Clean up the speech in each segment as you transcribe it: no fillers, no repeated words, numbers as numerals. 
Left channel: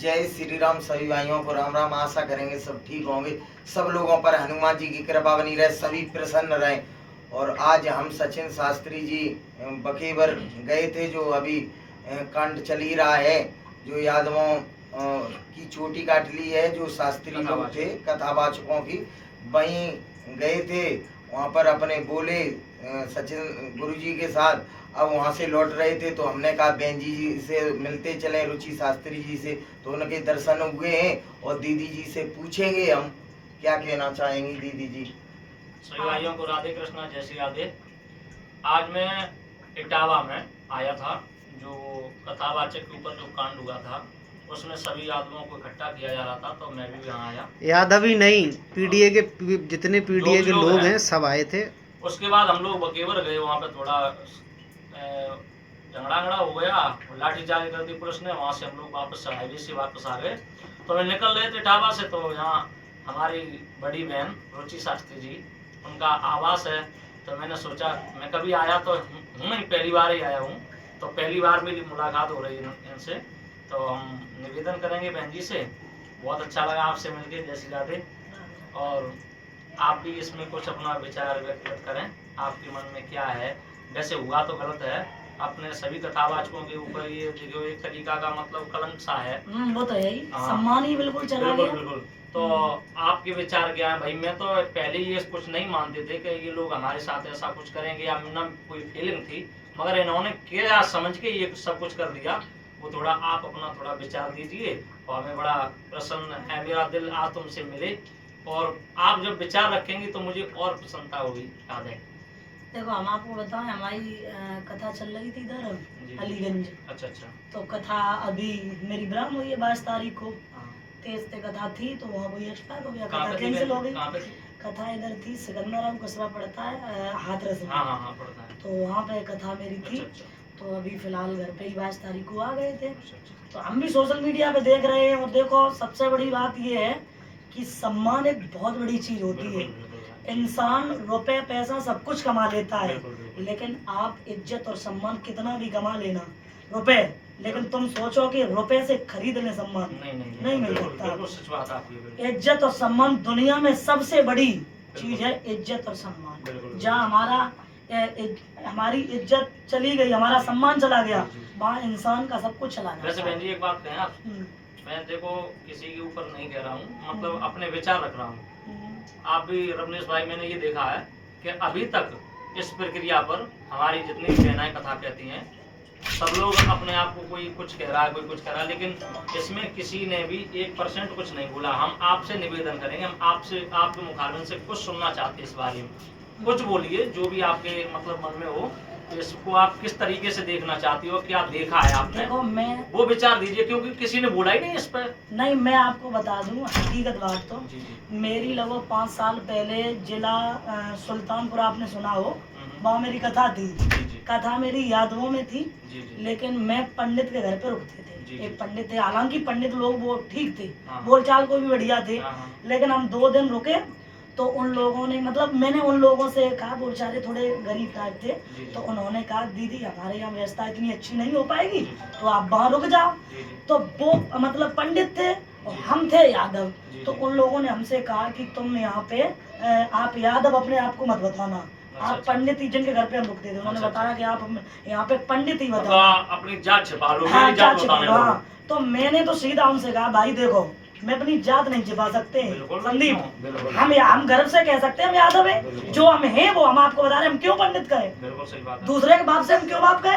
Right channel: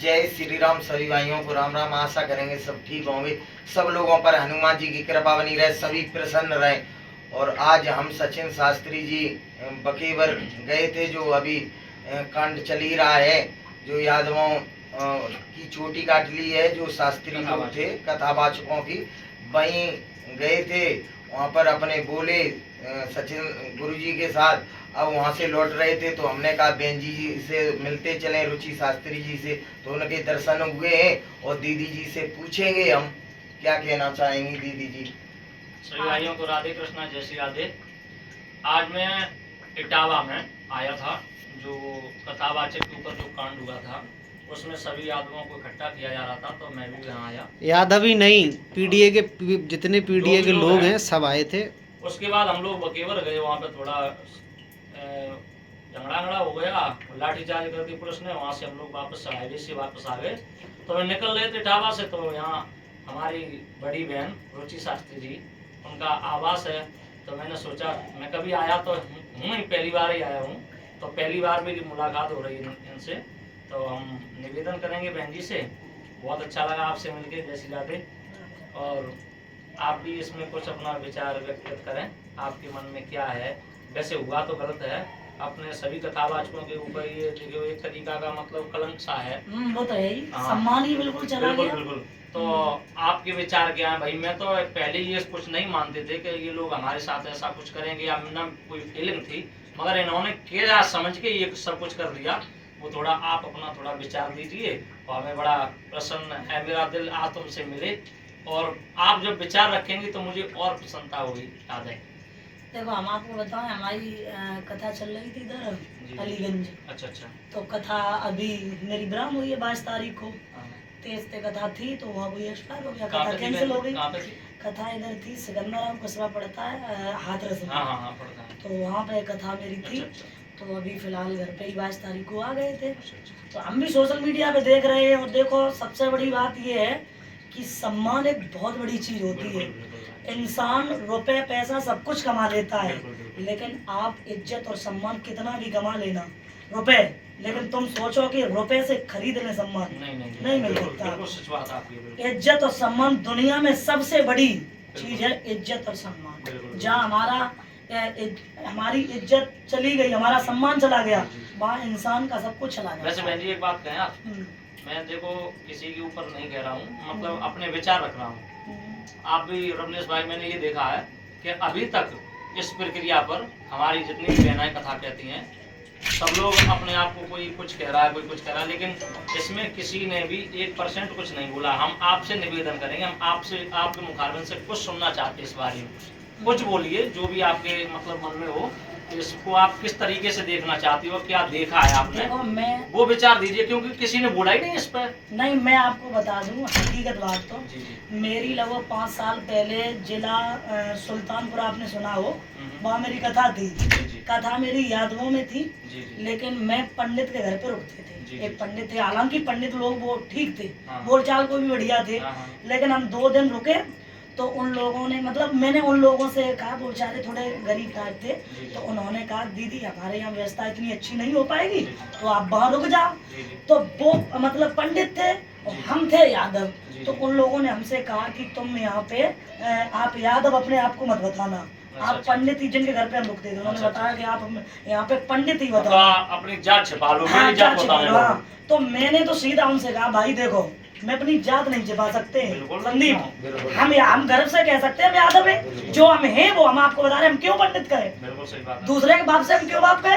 जय श्री राम। सभी भाइयों को राम राम। आशा करेंगे सब ठीक होंगे, सब लोगों पर हनुमान जी की कृपा बनी रहे, सभी प्रसन्न रहें। और आज हम सचिन शास्त्री जी बकेवर गए थे, जो अभी कांड चल ही रहा है, जो यादवों की चोटी काट ली है, जो शास्त्री लोग थे कथावाचकों की, वहीं गए थे। वहाँ पर अपने बोले सचिन गुरुजी के साथ। अब वहाँ से लौट रहे थे तो हमने कहा बहन जी से मिलते चले, रुचि शास्त्री जी से, तो उनके दर्शन हुए हैं। और दीदी जी से पूछेंगे हम क्या कहना चाहेंगी दीदी जी। सभी भाइयों को राधे कृष्णा, जय श्री राधे। आज मैं इटावा में आया था, जो कथावाचक के ऊपर जो कांड हुआ था उसमें सभी यादवों को इकट्ठा किया जा रहा था, तो मैं भी यहाँ आया। यादव ही नहीं, पीडीए के जितने पीडीए के लोग हैं सब आए थे। उसके बाद हम लोग बकेवर गए, वहाँ पे थोड़ा झगड़ा हो गया, लाठीचार्ज कर दी पुलिस ने। वहाँ से हम लोग वापस हाईवे से वापस आ गए। तो मैं निकल रहे थे इटावा से, तो यहाँ हमारी बड़ी बहन रुचि शास्त्री जी, उनका आवास है। तो मैंने सोचा, मैं कभी आया तो हूँ नहीं, पहली बार ही आया हूँ, तो पहली बार मेरी मुलाकात हो रही है इनसे। तो हम निवेदन करेंगे बहन जी से। बहुत अच्छा लगा आपसे मिलके, जय श्री राधे। और आप भी इसमें कुछ अपना विचार व्यक्त करें, आपके मन में क्या है। वैसे हुआ तो गलत है, अपने सभी कथावाचकों के ऊपर ये देखो एक तरीका का मतलब कलंक सा है। वो तो है ही, सम्मान ही बिल्कुल चला गया। बिल्कुल। तो आपके विचार क्या है भाई? मैं तो पहले ये कुछ नहीं मानते थे कि ये लोग हमारे साथ ऐसा कुछ करेंगे, या ना कोई फीलिंग थी, मगर इन्होंने क्या समझ के ये सब कुछ कर दिया। वो थोड़ा आप अपना थोड़ा विचार दीजिए, और हमें बड़ा प्रसन्न है, मेरा दिल आज तुमसे मिले, और आप जब विचार रखेंगे तो मुझे और प्रसन्नता होगी। याद है, देखो हम आपको बताएं, हमारी कथा चल रही थी इधर अलीगंज। अच्छा। तो कथा अभी मेरी ब्रह्म हुई है 22 तारीख को, 23 से कथा थी, तो वहाँ कोई एक्सपायर हो गया, कथा कैंसिल हो गई। कथा इधर थी, सिकंदराम कस्बा पड़ता है हाथरस में। पड़ता है। तो वहाँ पे कथा मेरी थी। तो अभी फिलहाल घर पे ही 22 तारीख को आ गए थे। तो हम भी सोशल मीडिया पे देख रहे हैं, और देखो सबसे बड़ी बात ये है कि सम्मान एक बहुत बड़ी चीज होती है। इंसान रुपए पैसा सब कुछ कमा लेता है, लेकिन आप इज्जत और सम्मान कितना भी कमा लेना, रुपए, लेकिन तुम सोचो कि रुपए से खरीद ले सम्मान, नहीं मिल सकता। इज्जत और सम्मान दुनिया में सबसे बड़ी चीज है, इज्जत और सम्मान। जहाँ हमारी इज्जत चली गई, हमारा सम्मान चला गया, वहाँ इंसान का सब कुछ चला गया। वैसे बहन जी एक बात कहें आप, मैं देखो किसी के ऊपर नहीं कह रहा हूँ, मतलब अपने विचार रख रहा हूँ। आप भी रमनेश भाई, मैंने ये देखा है कि अभी तक इस प्रक्रिया पर हमारी जितनी बहनाएं कथा कहती हैं, सब लोग अपने आप को कोई कुछ कह रहा है, कोई कुछ कह रहा है, लेकिन इसमें किसी ने भी 1% कुछ नहीं बोला। हम आपसे निवेदन करेंगे, हम आपसे आपके मुखारबिन से कुछ सुनना चाहते हैं इस बारे में। कुछ बोलिए जो भी आपके मतलब मन में हो, इसको आप किस तरीके से देखना चाहती हो, क्या देखा है आपने? देखो मैं वो विचार दीजिए, क्योंकि किसी ने बोला ही नहीं इस पर। नहीं, मैं आपको बता दूं हकीकत बात। तो मेरी लगभग 5 साल पहले जिला सुल्तानपुर, आपने सुना हो, वहाँ मेरी कथा थी। कथा मेरी यादवों में थी, लेकिन मैं पंडित के घर पे रुकते थे। एक पंडित थे, हालांकि पंडित लोग वो ठीक थे, बोलचाल को भी बढ़िया थे, लेकिन हम 2 दिन रुके। तो उन लोगों ने, मतलब मैंने उन लोगों से कहा, बेचारे थोड़े गरीब टाइप थे, तो उन्होंने कहा दीदी हमारे यहाँ व्यवस्था इतनी अच्छी नहीं हो पाएगी, तो आप वहाँ रुक जाओ। तो वो मतलब पंडित थे और हम थे यादव। तो उन लोगों ने हमसे कहा कि तुम यहाँ पे आप यादव अपने आप को मत बताना, आप पंडित ही, जिनके घर पे हम रुकते थे, उन्होंने बताया कि आप यहाँ पे पंडित ही बताओ, अपनी जात छिपा लो। जात छिपा लो। तो मैंने तो सीधा उनसे कहा, भाई देखो मैं अपनी जात नहीं छिपा सकते संदीप, हम गर्व से कह सकते हैं हम यादव है, जो हम हैं वो हम आपको बता रहे हैं। हम क्यों पंडित कहे, दूसरे के बाप से हम क्यों बाप कहे,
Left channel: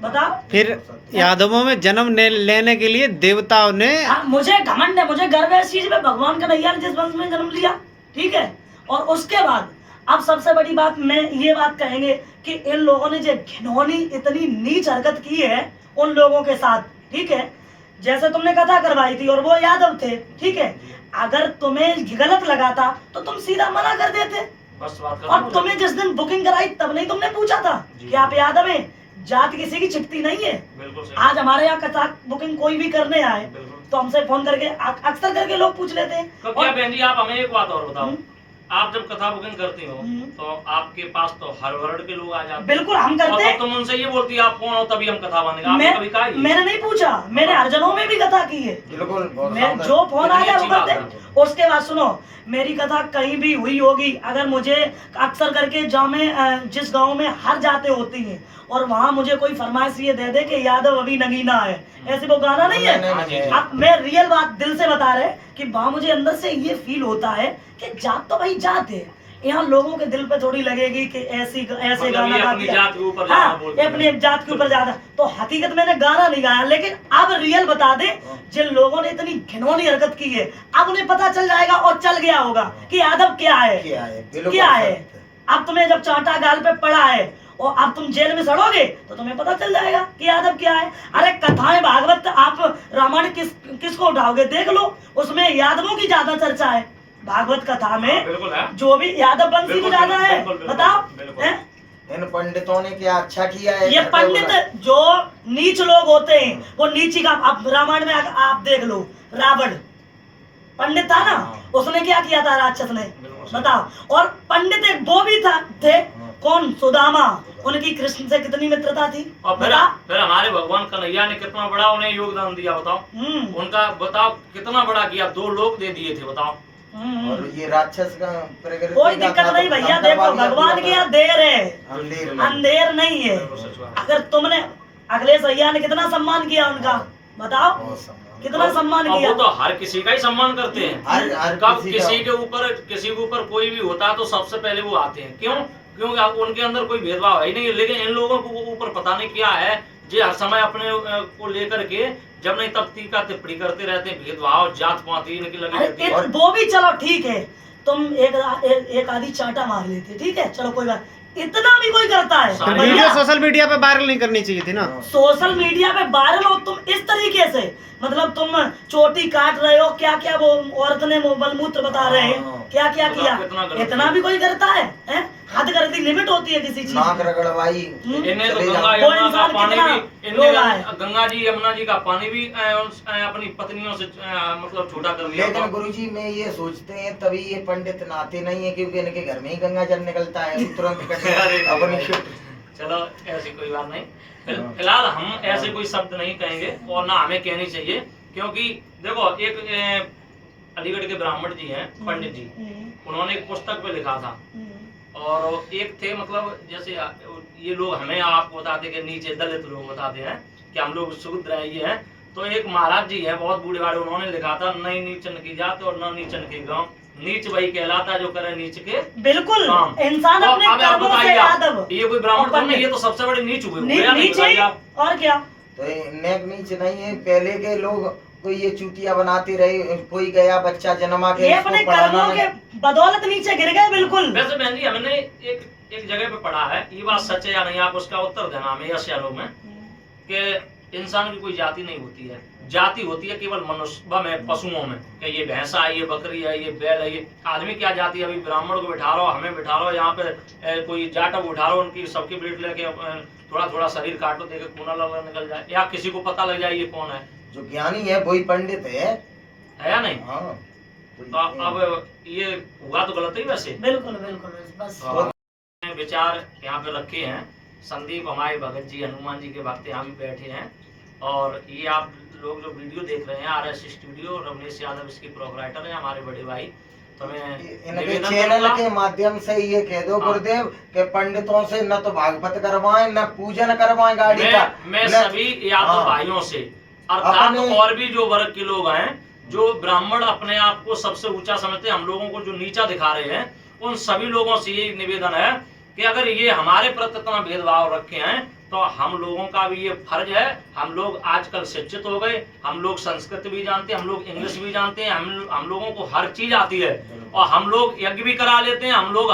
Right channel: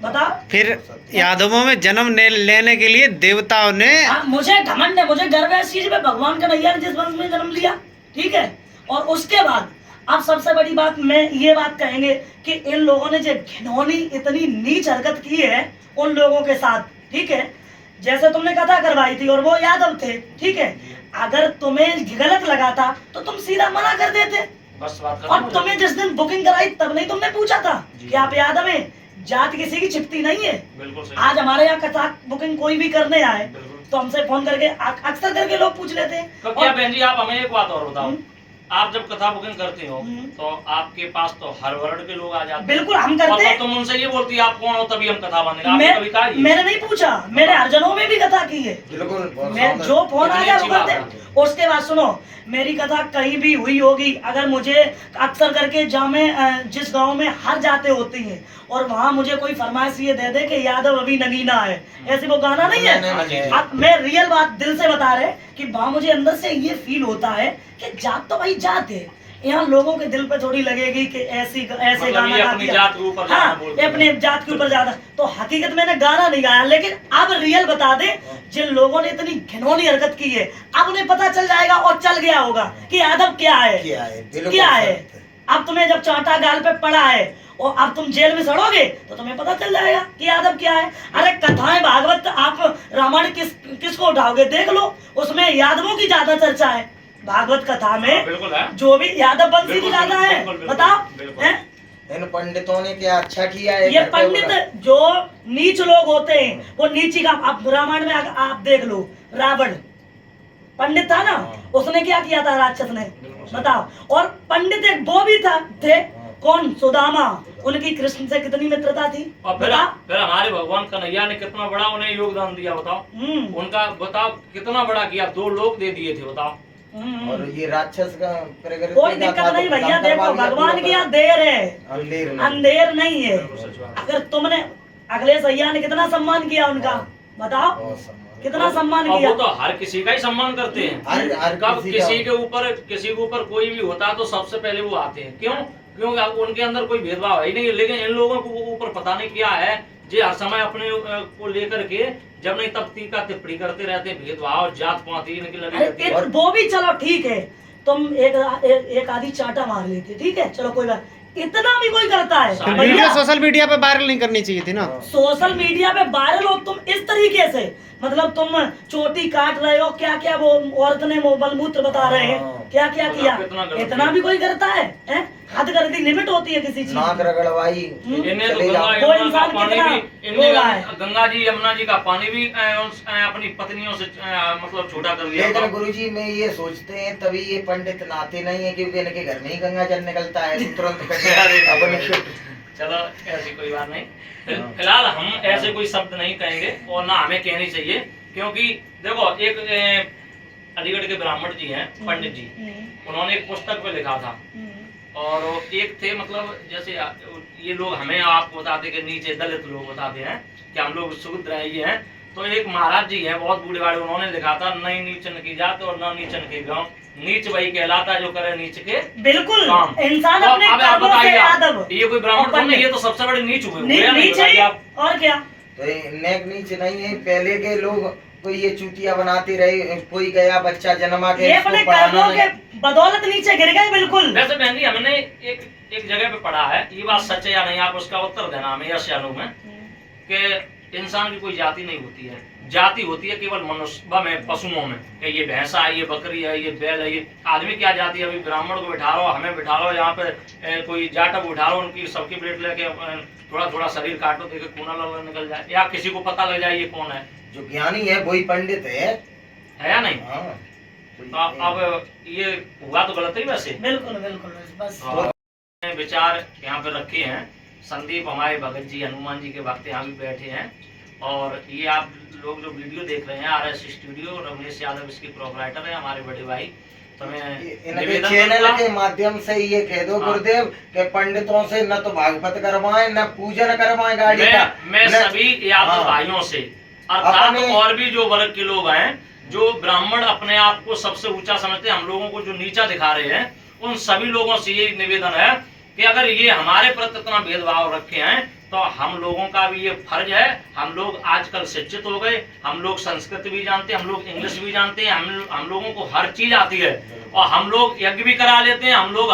बताओ। फिर यादवों में जन्म लेने के लिए देवताओं ने, मुझे घमंड है, मुझे गर्व है इस चीज में, भगवान का नैया ने जिस वंश में जन्म लिया, ठीक है। और उसके बाद अब सबसे बड़ी बात मैं ये बात कहेंगे कि इन लोगों ने जो घिनौनी इतनी नीच हरकत की है उन लोगों के साथ, ठीक है। जैसे तुमने कथा करवाई थी और वो यादव थे, ठीक है, अगर तुम्हें गलत लगा था तो तुम सीधा मना कर देते। और तुम्हें जिस दिन बुकिंग कराई तब नहीं तुमने पूछा था कि आप यादव हैं? जात किसी की छिपती नहीं है। आज हमारे यहाँ कथा बुकिंग कोई भी करने आए तो हमसे फोन करके अक्सर करके लोग पूछ लेते हैं। तो क्या बहन जी आप हमें एक बात और बताओ, आप जब कथा बुकिंग करती हो तो आपके पास तो हर वर्ड के लोग आ जाते हैं। बिल्कुल हम करते और हैं। तुम उनसे ये बोलती है आप कौन हो तभी हम कथा मानेंगे, आपने कभी कहा ये? मैंने नहीं पूछा, मैंने हरजनों में भी कथा की है। बिल्कुल, बहुत मैं शानदार। जो फोन आ कितनी गया वो अच्छी बात करते है। हैं। उसके बाद सुनो, मेरी कथा कहीं भी हुई होगी, अगर मुझे अक्सर करके जामे जिस गांव में हर जाते होती हैं और वहां मुझे कोई फरमाइश ये दे दे कि यादव अभी नगीना है, ऐसे वो गाना नहीं नहीं, नहीं, है। नहीं। अब मैं रियल बात दिल से बता रहे कि वहां मुझे अंदर से ये फील होता है कि जात तो भाई जात है, यहाँ लोगों के दिल पे थोड़ी लगेगी कि ऐसे मतलब गाना ये गा अपनी दिया। जात के ऊपर ज्यादा हाँ, बोलते हैं। अपने जात के ऊपर ज्यादा। तो हकीकत मैंने गाना नहीं गाया, लेकिन अब रियल बता दे, जिन लोगों ने इतनी घिनौनी हरकत की है अब उन्हें पता चल जाएगा और चल गया होगा कि यादव क्या है, बिल्कुल क्या है। सत्य। अब तुम्हें जब चांटा गाल पे पड़ा है और अब तुम जेल में सड़ोगे तो तुम्हें पता चल जाएगा कि यादव क्या है। अरे कथाएं भागवत आप रामायण किसको उठाओगे देख लो, उसमें यादवों की ज्यादा चर्चा है। भागवत कथा में बिल्कुल है। जो भी यादव वंशी तो बिल्कुल, ज्यादा है। बिल्कुल, बिल्कुल, बताओ बिल्कुल। हैं? इन पंडितों ने क्या अच्छा किया है? ये घर पे पंडित बुला- जो नीच लोग होते हैं वो नीची का, आप रामायण में आप देख लो, रावण पंडित था ना, उसने क्या किया था राक्षस ने, बताओ। और पंडित एक वो भी थे कौन, सुदामा, उनकी कृष्ण से कितनी मित्रता थी। और बताओ। फिर हमारे भगवान कन्हैया ने कितना बड़ा उन्हें योगदान दिया, बताओ। उनका बताओ कितना बड़ा किया, 2 लोक दे दिए थे, बताओ। और ये राक्षस का प्रकृति कोई का दिक्कत था, नहीं तो भैया, खत्म देखो करवा दिया भगवान पूरा की यहाँ तरह। देर है, अंधेर नहीं। अंधेर नहीं है। बिल्कुल सच बात। अगर तुमने अखिलेश भैया ने कितना सम्मान किया उनका, बताओ बहुत सम्मान। कितना सम्मान और किया। वो तो हर किसी का ही सम्मान करते हैं। हर कब किसी किसी का- के ऊपर कोई भी होता है तो सबसे पहले वो आते हैं, क्यों? क्योंकि उनके अंदर कोई भेदभाव है ही नहीं। लेकिन इन लोगों को ऊपर पता नहीं क्या है, जे हर समय अपने को लेकर के जब नहीं तब टीका टिप्पणी करते रहते हैं, भेदभाव जात पाती इनकी लगी रहती है। अरे वो भी चलो ठीक है, तुम एक आधी चाटा मार लेते, ठीक है चलो कोई बात, इतना भी कोई करता है। सारे वीडियो भैया, सोशल मीडिया पे वायरल नहीं करनी चाहिए थी ना। सोशल मीडिया पे वायरल हो तुम इस तरीके से, मतलब तुम चोटी काट रहे हो, क्या क्या वो औरत ने मलमूत्र बता रहे हैं, क्या क्या बताओ किया, कितना गलत इतना है। भी कोई करता है, हैं? हद कर दी, लिमिट होती है किसी चीज नाक की। रगड़वाई इन्हें तो चले गंगा जाओ। यमुना का इंसान पानी कितना भी रो रहा है। गंगा जी यमुना जी का पानी भी अपनी पत्नियों से मतलब छोटा कर दिया। लेकिन गुरुजी में ये सोचते हैं तभी ये पंडित नहाते नहीं है, क्योंकि इनके घर में ही गंगा जल निकलता है, तुरंत अपने चलो ऐसी कोई बात नहीं। फिलहाल हम ऐसे कोई शब्द नहीं कहेंगे और ना हमें कहनी चाहिए, क्योंकि देखो एक अलीगढ़ के ब्राह्मण जी हैं, पंडित जी, उन्होंने एक पुस्तक पे लिखा था, और एक थे मतलब जैसे ये लोग हमें आपको बताते कि नीचे दलित लोग बताते हैं कि हम लोग शूद्र हैं, ये हैं। तो एक महाराज जी हैं बहुत बूढ़े बाड़े, उन्होंने लिखा था नहीं नीचन की जात और न नीचन के गांव, नीच वही कहलाता जो करे नीच के बिल्कुल काम। इंसान तो अपने अब आप कर्मों से बताइए, यादव, ये कोई ब्राह्मण और तो नहीं, पंडित। ये तो सबसे बड़े नीच हुए नीच बताइए है आप। और क्या। तो नेक नीच नहीं है, पहले के लोग कोई ये चूतिया बनाते रहे, कोई गया बच्चा जन्मा के ये इसको अपने पढ़ाना कर्मों नहीं। के बदौलत नीचे गिर गए बिल्कुल। वैसे बहन जी हमने एक जगह पे पढ़ा है, ये बात सच है या नहीं आप उसका उत्तर देना हमें यस या नो में, कि इंसान की कोई जाति नहीं होती है, जाति होती है केवल मनुष्य में, पशुओं में, कि ये भैंसा है, ये बकरी है, ये बैल है, ये आदमी क्या जाति है। अभी ब्राह्मण को बिठा लो, हमें बिठा लो, यहाँ पे कोई जाट को उठा लो, उनकी सबकी प्लेट लेके थोड़ा थोड़ा शरीर काटो, देखे खूना लगा निकल जाए, या किसी को पता लग जाए ये कौन है जो ज्ञानी है वही पंडित है। या नहीं। हाँ। तो अब ये हुआ तो गलत ही वैसे। बिल्कुल बिल्कुल बस। तो विचार यहाँ पे रखे हैं, संदीप हमारे भगत जी हनुमान जी के भक्त यहाँ भी बैठे हैं, और ये आप लोग जो वीडियो देख रहे हैं RS स्टूडियो, रमेश यादव इसके प्रोपराइटर है, हमारे बड़े भाई। तो मैं इनके निवेदन चैनल करूंगा, के माध्यम से ये कह दो हाँ। गुरुदेव के पंडितों से न तो भागवत करवाएं न पूजन करवाएं गाड़ी का। मैं न- सभी यादव हाँ। भाइयों से, अर्थात अपने- और भी जो वर्ग के लोग हैं, जो ब्राह्मण अपने आप को सबसे ऊंचा समझते हैं, हम लोगों को जो नीचा दिखा रहे हैं, उन सभी लोगों से ये निवेदन है कि अगर ये हमारे प्रति इतना भेदभाव रखे हैं तो हम लोगों का भी ये फर्ज है। हम लोग आजकल शिक्षित हो गए, हम लोग संस्कृत भी जानते हैं, हम लोग इंग्लिश भी जानते हैं, हम लोगों को हर चीज आती है, और हम लोग यज्ञ भी करा लेते हैं, हम लोग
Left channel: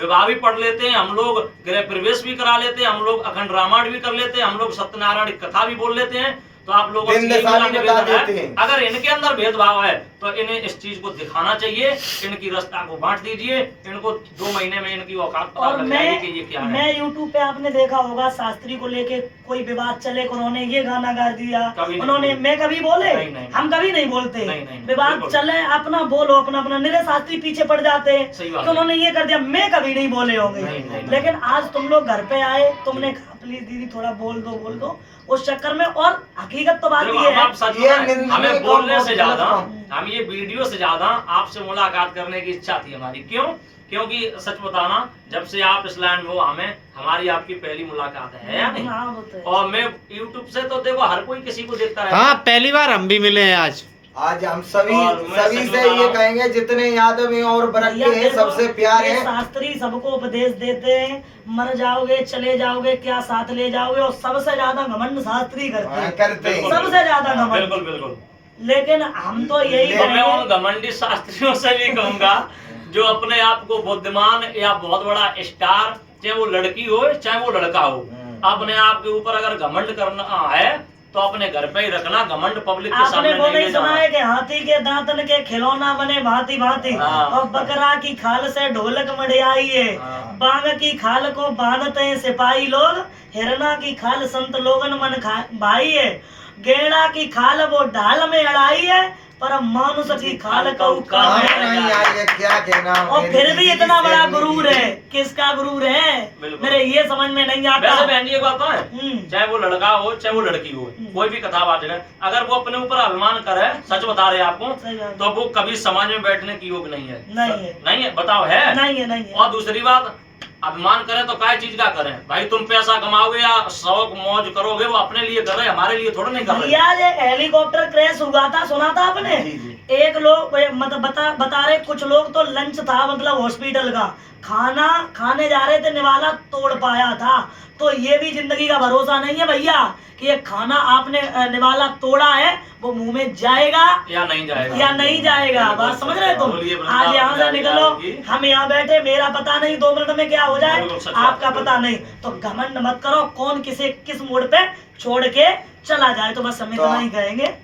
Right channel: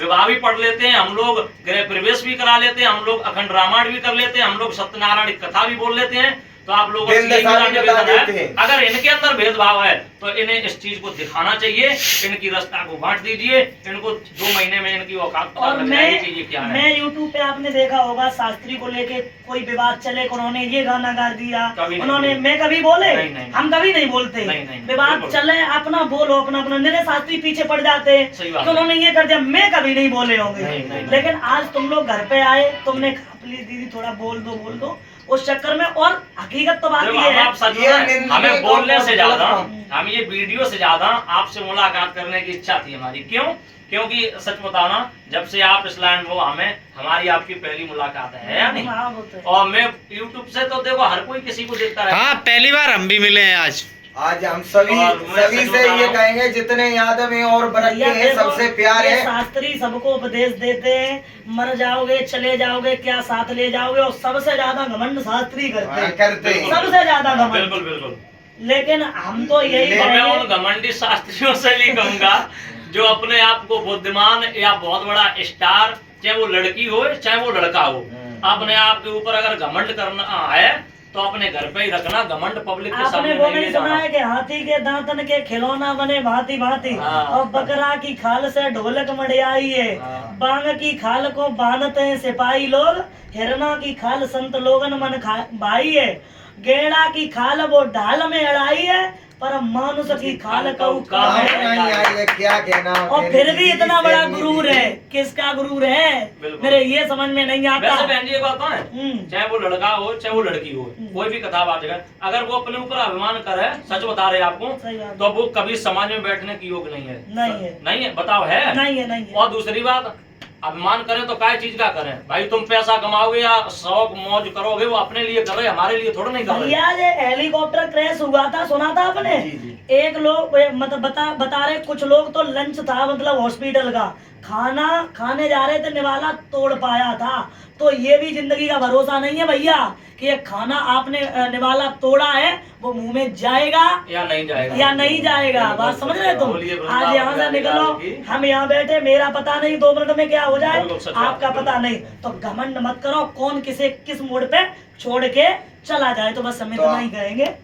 विवाह भी पढ़ लेते हैं, हम लोग गृह प्रवेश भी करा लेते हैं, हम लोग अखंड रामायण भी कर लेते हैं, हम लोग सत्यनारायण की कथा भी बोल लेते हैं। तो आप लोगों से दिन यही दशा मेरा भी बता निवेदन देते है, हैं। अगर इनके अंदर भेदभाव है तो इन्हें इस चीज को दिखाना चाहिए, इनकी रास्ता को बांट दीजिए, इनको 2 महीने में इनकी औकात पता और लग जाएगी कि ये क्या है। मैं YouTube पे आपने देखा होगा शास्त्री को लेके कोई विवाद चले, उन्होंने ये गाना गा दिया, कभी नहीं उन्होंने, बोले। मैं कभी बोले? नहीं, नहीं, हम कभी नहीं बोलते। नहीं, विवाद बिल्कुल। चले अपना बोलो, अपना अपना, मेरे शास्त्री पीछे पड़ जाते हैं सही बात कि है। उन्होंने ये कर दिया, मैं कभी नहीं बोले होंगे। नहीं। लेकिन आज तुम लोग घर पे आए, तुमने कहा प्लीज दीदी थोड़ा बोल दो, उस चक्कर में। और हकीकत तो बात देखो, ये हम है, आप सच ये बताएं, निंदनीय हमें कौन बोलने कौन से गलत ज्यादा, काम? हम ये वीडियो से ज्यादा आपसे मुलाकात करने की इच्छा थी हमारी। क्यों? क्योंकि सच बताना, जब से आप इस लैंड में हो, हमारी आपकी पहली मुलाकात है या नहीं? हाँ, वो तो है। और मैं YouTube से तो देखो हर कोई किसी को देखता रहता हाँ, है। पहली बार हम भी मिले हैं आज। आज हम सभी और मैं सभी सच से बता रहा ये हूं। कहेंगे जितने यादव हैं और बरके भैया हैं देखो, सबसे प्यार ये है। शास्त्री सबको उपदेश देते हैं, मर जाओगे चले जाओगे क्या साथ ले जाओगे, और सबसे ज्यादा घमंड शास्त्री करते हैं, करते हैं। सबसे ज्यादा घमंड। बिल्कुल बिल्कुल। लेकिन हम तो यही तो मैं उन कहेंगे, घमंडी शास्त्रियों से भी कहूंगा जो अपने आप को बुद्धिमान या बहुत बड़ा स्टार, चाहे वो लड़की हो चाहे वो लड़का हो, अपने आप के ऊपर अगर घमंड करना है तो अपने घर पे ही रखना, घमंड पब्लिक के आपने सामने वो नहीं नहीं ले सुना जाना। है कि हाथी के दांतन के खिलौना बने भांति भांति, हाँ। और बकरा की खाल से ढोलक मढ़ियाई है, हाँ। बांग की खाल को बांधते हैं सिपाही लोग, हिरना की खाल संत लोगन मन भाई है, गेड़ा की खाल वो ढाल में अड़ाई है, पर मानुष की खाल कऊ काम काम है। नहीं आई है, क्या कहना। और मेरी फिर भी दीदी इतना से बड़ा मेरी गुरूर दीदी। है, किसका गुरूर है बिल्कुल। मेरे ये समझ में नहीं आता। वैसे बहन जी एक बात है, हम्म। चाहे वो लड़का हो चाहे वो लड़की हो, कोई भी कथावाचक है, अगर वो अपने ऊपर अभिमान करे, सच बता रहे आपको, सही बात। तो वो कभी समाज में बैठने की योग नहीं है। नहीं है। नहीं है, बताओ है? नहीं है, नहीं है। और दूसरी बात, अभिमान करें तो क्या चीज का करें भाई? तुम पैसा कमाओगे या शौक मौज करोगे, वो अपने लिए कर रहे, हमारे लिए थोड़ा नहीं कर रहे। भैया ये हेलीकॉप्टर क्रैश हुआ था, सुना था आपने? जी, जी। एक लोग मतलब बता रहे, कुछ लोग तो लंच था मतलब हॉस्पिटल का, खाना खाने जा रहे थे, निवाला तोड़ पाया था। तो ये भी जिंदगी का भरोसा नहीं है भैया कि ये खाना आपने निवाला तोड़ा है वो मुंह में जाएगा या नहीं जाएगा, या नहीं जाएगा। बात समझ रहे तुम? बोलिए, आज यहाँ से निकलो, हम यहाँ बैठे, मेरा पता नहीं 2 मिनट में क्या हो जाए, बिल्कुल सच आपका बात है, पता नहीं। तो घमंड मत करो, कौन किसे किस मोड़ पे छोड़ के चला जाए। तो बस हम इतना ही कहेंगे।